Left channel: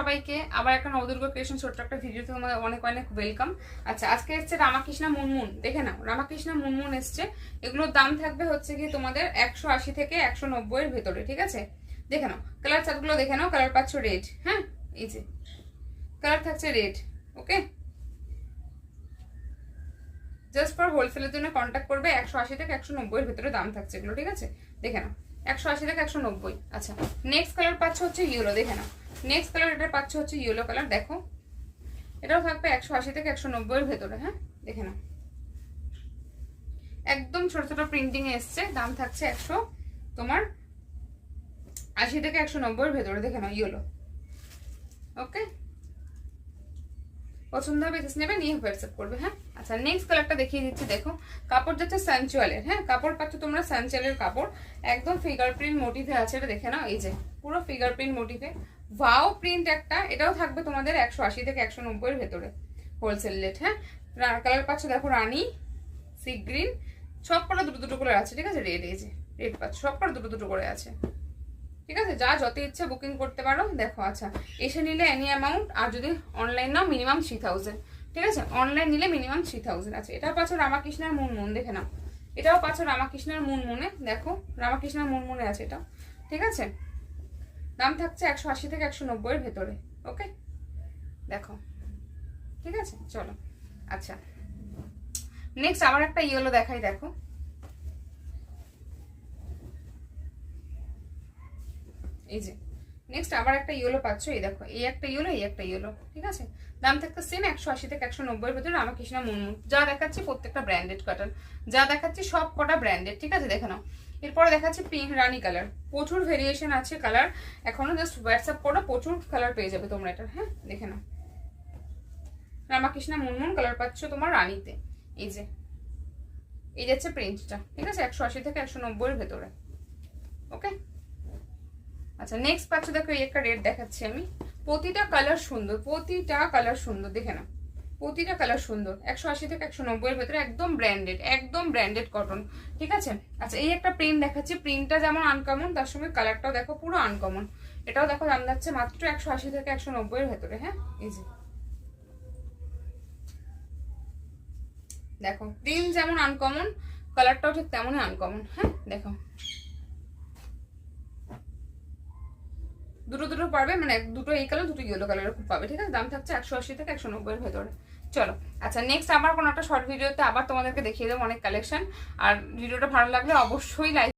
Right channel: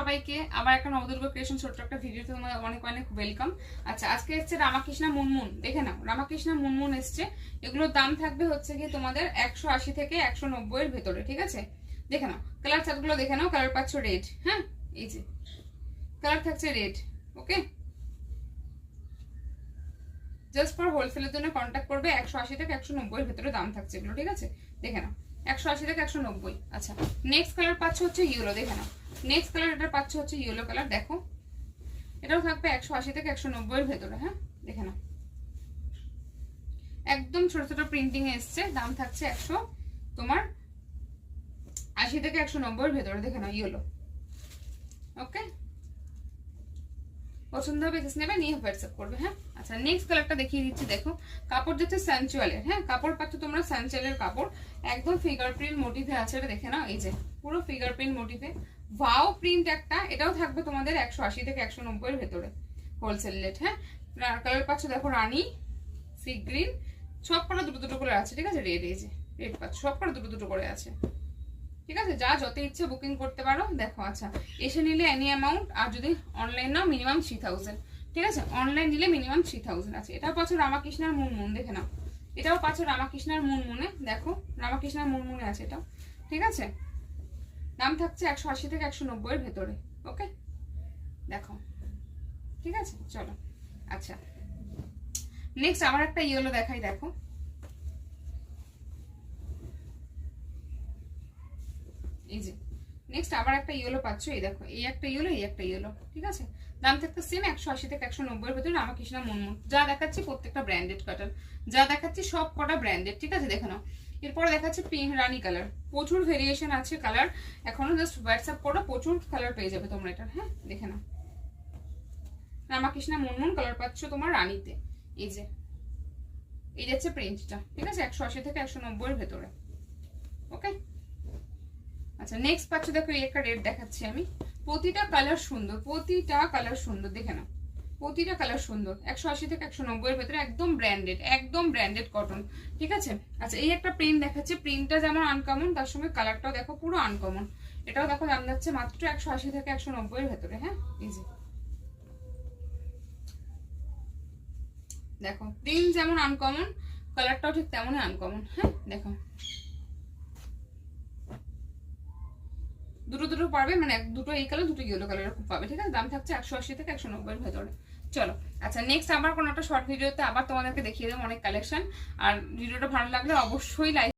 সবাইকে আবার একটা নবদুর্গ ক্রিয়েশন ছোট্ট একটা ভিডিওতে তোমাদের অনেক অনেক ওয়েলকাম। আচ্ছা, আজকে এসছে রামাকৃষ্ণা মুনমুন, দেখে নাও রামাকৃষ্ণা মুনমুন এসছে। এগুলোর দাম থাকবে হচ্ছে কি তোমাদের 180 থেকে 190 এর ভেতরে, ঠিক আছে? দেখে নাও কালার চার্টগুলো, দেখে নাও কালার পাচ্ছ রেড। হ্যাঁ, এই যে কালার থাকছে রেড। ওকে, জাস্ট ফর হোলসেলের জন্য কন্ট্যাক্ট করবে। 180 থেকে 190 এর ভেতরে দাম থাকছে এগুলো, ঠিক আছে? দেখে নাও 180 থেকে 190। আচ্ছা, নেক্সট কালার পাচ্ছ হচ্ছে ইয়েলো, দেখে নাও নেক্সট কালার এটা পাচ্ছ হচ্ছে ইয়েলো কালার। দেখো এটাও থাকবে 180 থেকে 190 এর ভেতরে। হ্যাঁ, দেখে নাও একদম ছোট ছোট প্রিন্টিং এ এসছে। দাম থাকছে 180 থেকে 190 এর ভেতরে। দেখে নাও ইয়েলো। ওকে, পছন্দ হবে জাস্ট নেবে, নিয়ে হোয়াটসঅ্যাপ করবে। হ্যাঁ, আচ্ছা নেক্সট কালারটা দেখিয়ে দিচ্ছি। দেখো কাপড় যাচ্ছে সানচুয়ালের। হ্যাঁ, কাপড় পাচ্ছ তোমরা সানচুয়ালের কাপড়, একদম ফিগার প্রিন্ট মোটিভে আছে। এটা দেখে নাও, এই যে পুরো ফিগার প্রিন্ট মোটিভে, ভাও প্রিন্ট একটা। এটাও থাকবে তোমাদের 180 থেকে 190 এর ভেতরে হোলসেল রেট। হ্যাঁ, কালার পাচ্ছ দেখো রানী, সি গ্রিন, সব কটা দুটো দুটো করে আছে, ঠিক আছে? রেড, এই যে রেড পাচ্ছ, সব কটা দুটো দুটো করে আছে, ঠিক আছে? যা যত ইচ্ছে বুকিং করতে পারো। দেখো আচ্ছা, এসে নিলে এনি অ্যামাউন্ট, আর যদি অনলাইন নাও মিনিমাম 3000, ঠিক আছে? অনলাইন নিলে মিনিমাম 3000। আচ্ছা, এটা পাচ্ছ রামাকৃষ্ণার মুনমুন, দেখে নাও এটাও পাচ্ছ রামাকৃষ্ণার মুনমুনে। দেখো রামাকৃষ্ণার মুনমুনে আছে এটা, ঠিক আছে? দাম থাকছে 180 থেকে 190 এর ভেতরে। ওকে, দেখো ঠিক আছে, চলো। আচ্ছা নেক্সট আবার একটা ইয়েলো দেখাই। দেখো এই যে নেক্সট আবার একটা ইয়েলো পাচ্ছ। এই দেখো এই একটা ইয়েলো, এই একটা ইয়েলো, ঠিক আছে? দাম থাকতে সেম 180 থেকে 190 এর ভেতরে। রামাকৃষ্ণা মুনমুন যা দেখাচ্ছি প্রত্যেকটা ব্র্যান্ডেড কটন, যা দেখাচ্ছি সব কটা ব্র্যান্ডেড, ঠিক আছে? দেখে নাও এরপরে দেখাচ্ছে পিঙ্ক রানী কালার। প্রচুর ভেরিয়েশন আছে কালার, এখনো জাস্ট হোয়াটসঅ্যাপ করো, প্রচুর কালার পেয়ে যাবে তোমরা এটা। হ্যাঁ, দেখে নাও রামাকৃষ্ণা মুনমুন কালার পাচ্ছ তোমার রানীতে। এই যে এই যাচ্ছে প্রিন্টটা, ঠিক আছে? 180 থেকে 190 এর ভেতরে। ওকে, আচ্ছা নেক্সট পাচ্ছ দেখো এই একটা রেড দেখাচ্ছি আমি। প্রতিটা কালার সুন্দর, প্রতিটা কালার সুন্দর, দেখে নাও প্রতিটা কালার সুন্দর। 180 থেকে 190 এর ভেতরে, একদম ব্র্যান্ডেড, একদম ব্র্যান্ডেড কটন, ঠিক আছে? আচ্ছা এই একটা প্রিন্ট দেখাচ্ছি। প্রিন্টটা যেমন আনকমন, তার সঙ্গে কালারটাও দেখো পুরো আনকমন। এটাও দেখো দাম যাচ্ছে মাত্র 180 থেকে 190 এর ভেতরে। হ্যাঁ, এই যে দেখো প্রিন্ট যেমন আনকমন, কালারটাও ঠিক তেমনই আনকমন। হ্যাঁ, দেখো দুটো দুটো পাবে, মানে দুটো এই কালার দুটো ইয়েলো কালার খুব পাবে, ঠিক আছে? দাম থাকছে 180 থেকে 190 এর ভেতরে। চলো আচ্ছা নেক্সট আবার কোনো একটা শর্ট ভিডিওতে আবার তোমাদেরকে দেখিয়ে দেবো অনেক কালেকশন। আর ভিডিওটা ভালো লাগলে অবশ্যই লাইক